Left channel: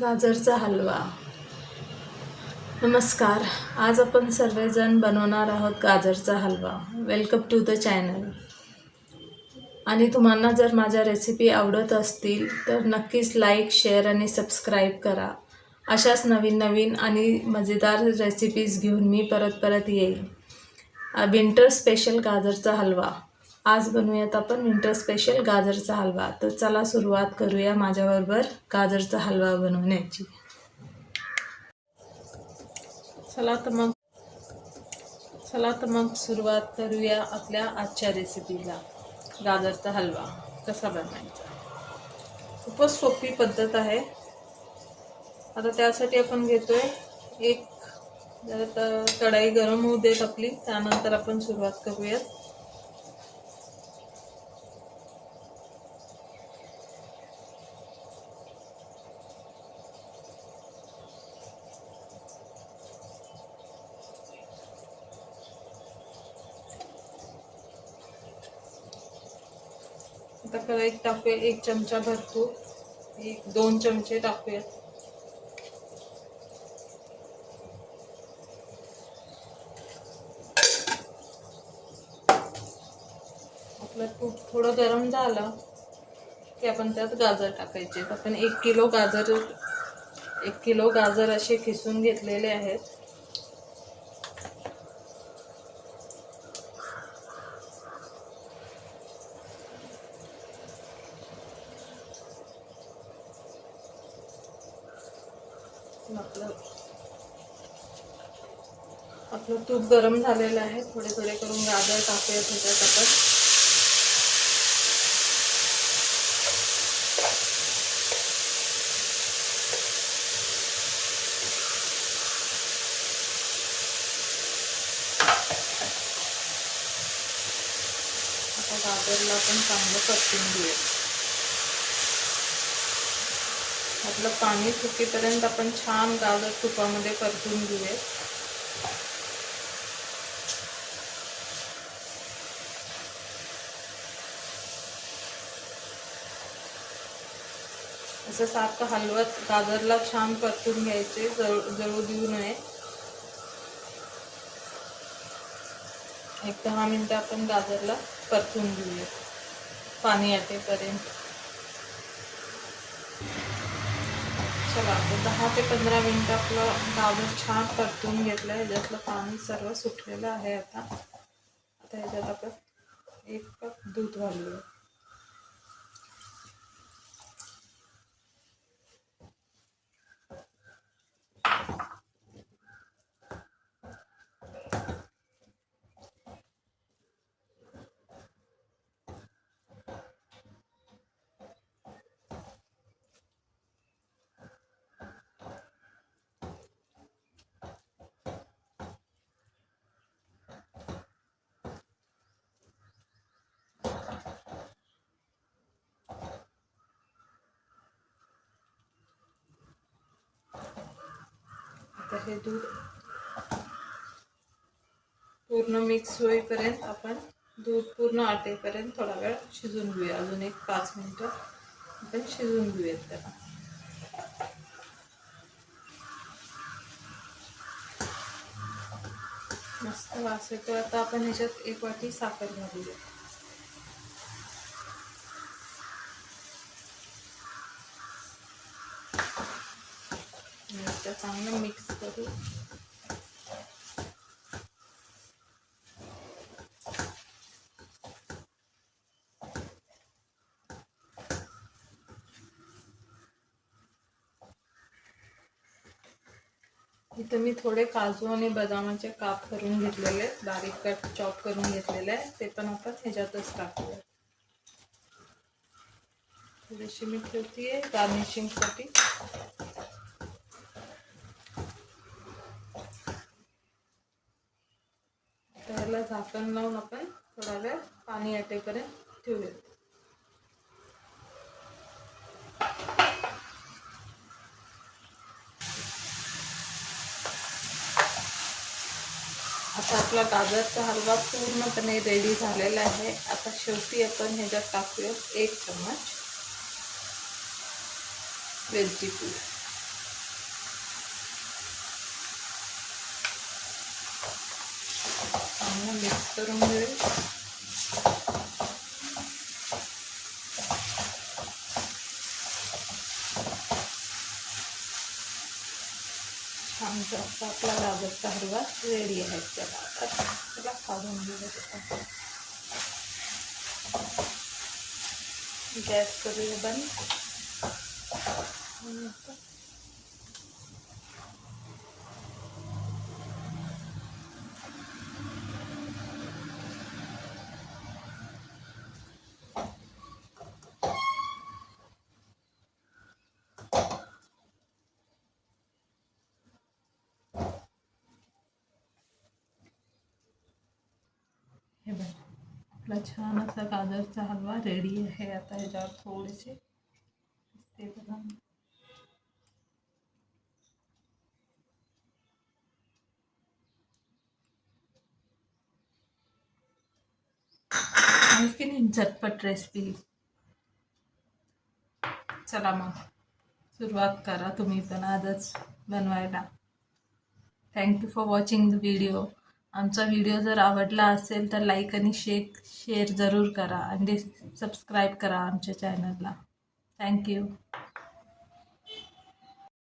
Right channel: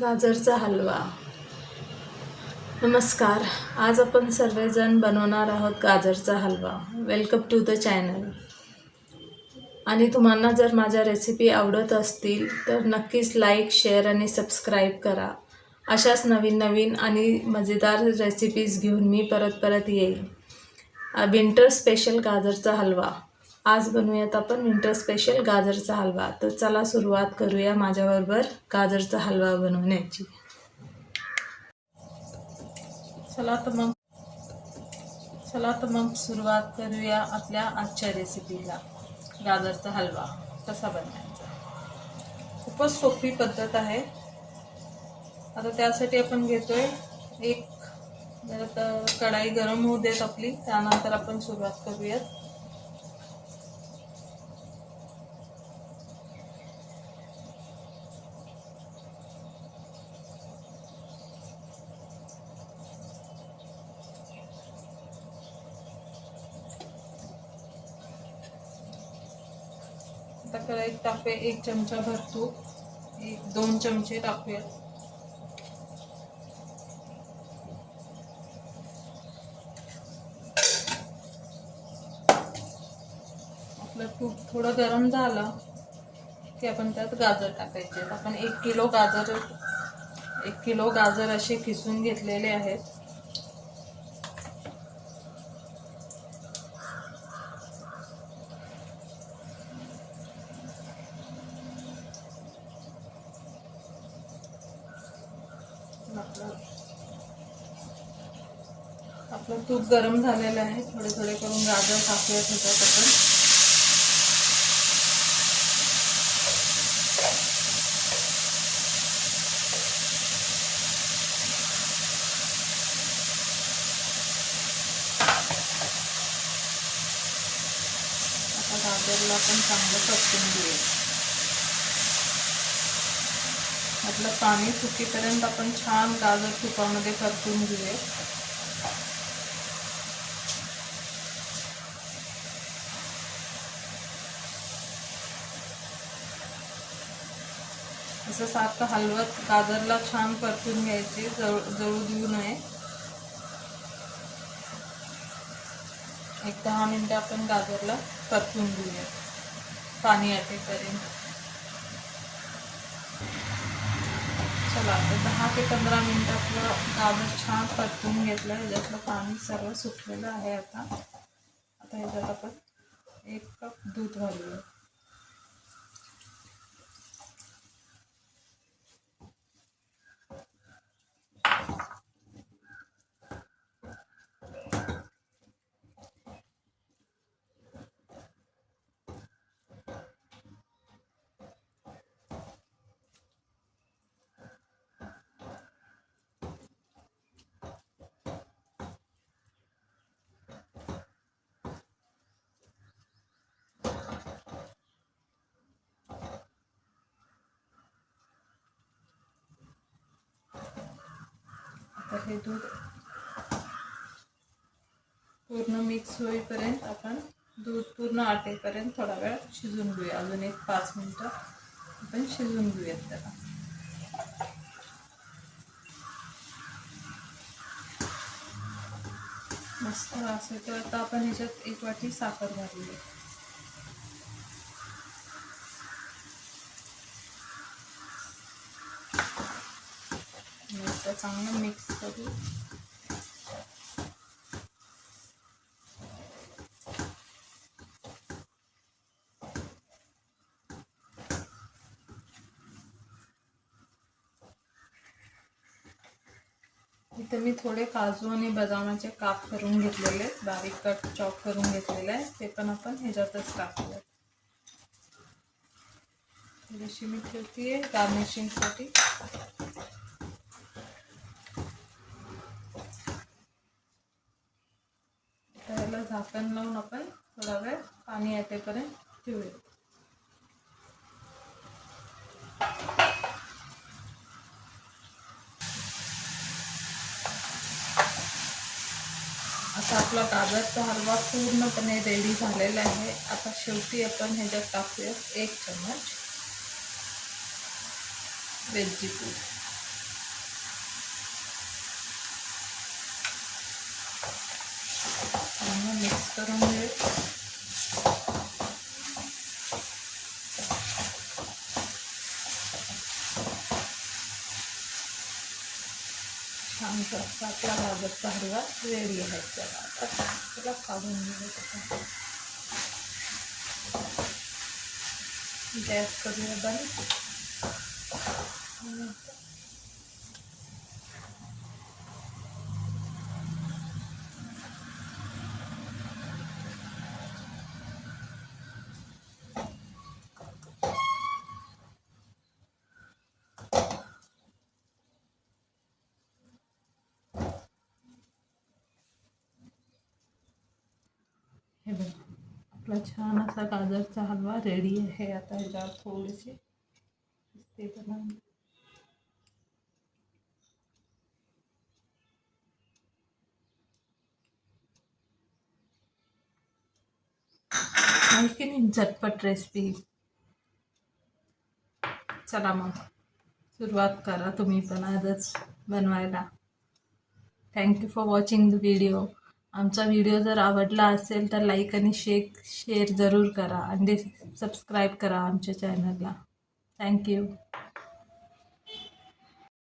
गाजरचा हलवा. नमस्कार. आज आपण सर्वजण बनवणार आहोत गाजरचा halwa. Welcome to the channel. आणि तुम्हाला जर माझ्या रेसिपी आवडत असतील तर नक्कीच लाईक, शेअर आणि सबस्क्राईब करा. अशाच नवीन नवीन आणि मजेदार रेसिपीज घेऊन मी परत येईल. विंटर स्पेशल गाजरचा हलवा. आज बनवूयात आपण विंटर स्पेशल गाजरचा हलवा. तर चला सुरुवात करूया माझ्याबरोबर गाजरचा हलवा बनवण्याची. चला तर मग सुरुवात करूया आपल्या आजच्या रेसिपीला. गाजरचा हलवा कसा बनवायचा. खूपच सोपी पद्धत आहे. आता त्यासाठी आपण घेतोय एक कढाई गरम होऊ देत आपली, त्यानंतर आपण सुरुवात करूयात. आता कढाईत टाकूया 1 चमचा भर तूप. 1-2 चमचे टाकूया. आपलं तूप थोडं गरम झालं की आपण त्यात गाजर टाकायचे. आपण 1 किलो गाजर असे खिसून घेतलेले आहेत. आपलं तूप गरम झालेलं आहे. थोडे थोडे करून गाजर टाकूया त्याच्यात आपण. आता गाजरला आपण चांगलं परतून घेऊया. आपलं पाणी सुकेपर्यंत आपण छान गाजर तुपामध्ये परतून घेऊया. असं सारखं हलवत गाजरला छान परतून घ्यायचे, जळू देऊ नये. 10 मिनिटं आपण गाजरला परतून घेऊया पाणी आटेपर्यंत. चला आता 10 ते 15 मिनिटं आपलं गाजर छान परतून घेतलं. ह्याच्यातलं पाणी सर्व सुटलेलं आहे. आता ह्याच्यात आपण 1 कप दूध घालूया. आता हे दूध पूर्ण मिक्स होईपर्यंत आपण दूध पूर्ण आटेपर्यंत थोडा वेळ शिजून घेऊया. अजून 5 मिनिटं आपण शिजून घेऊयात त्याला. मस्त वास येतो. आता आपण ह्याच्यात 1 वाटी साखर घालूया. आता चांगलं मिक्स करू. इथे मी थोडे काजू आणि बदामाचे काप करून घेतलेले, बारीक कट चॉप करून घेतलेले आहे. ते पण आपण ह्याच्यातच टाकूया. थोडीशी मी ठेवतीये गार्निशिंगसाठी. त्याला झाकण लावून आपण थोडा वेळ पाणी आटेपर्यंत ठेवूया. आता आपला गाजरचा हलवा पूर्णपणे रेडी झालेला आहे. आता शेवटी आपण ह्याच्यात टाकूया 1 चम्मच वेलची पूड. मिक्स करून घेऊ. छान असा आपला गाजरचा हलवा रेडी आहे. चला आता सगळं काढून घेऊ. गॅस करूया बंद. हे बघा आपला छान असा गाजरचा हलवा रेडी आहे. आता ह्याच्यावर थोडेसे पिस्ते बनवून आणखीन झटपट रेसिपी. चला मग सुरुवात करा तुम्ही पण आजच बनवायला. Thank you for watching the video. आमचा व्हिडिओ जर आवडला असेल तर लाईक आणि शेअर जरूर करा आणि सबस्क्राईब करा आमच्या चॅनलला. थँक्यू.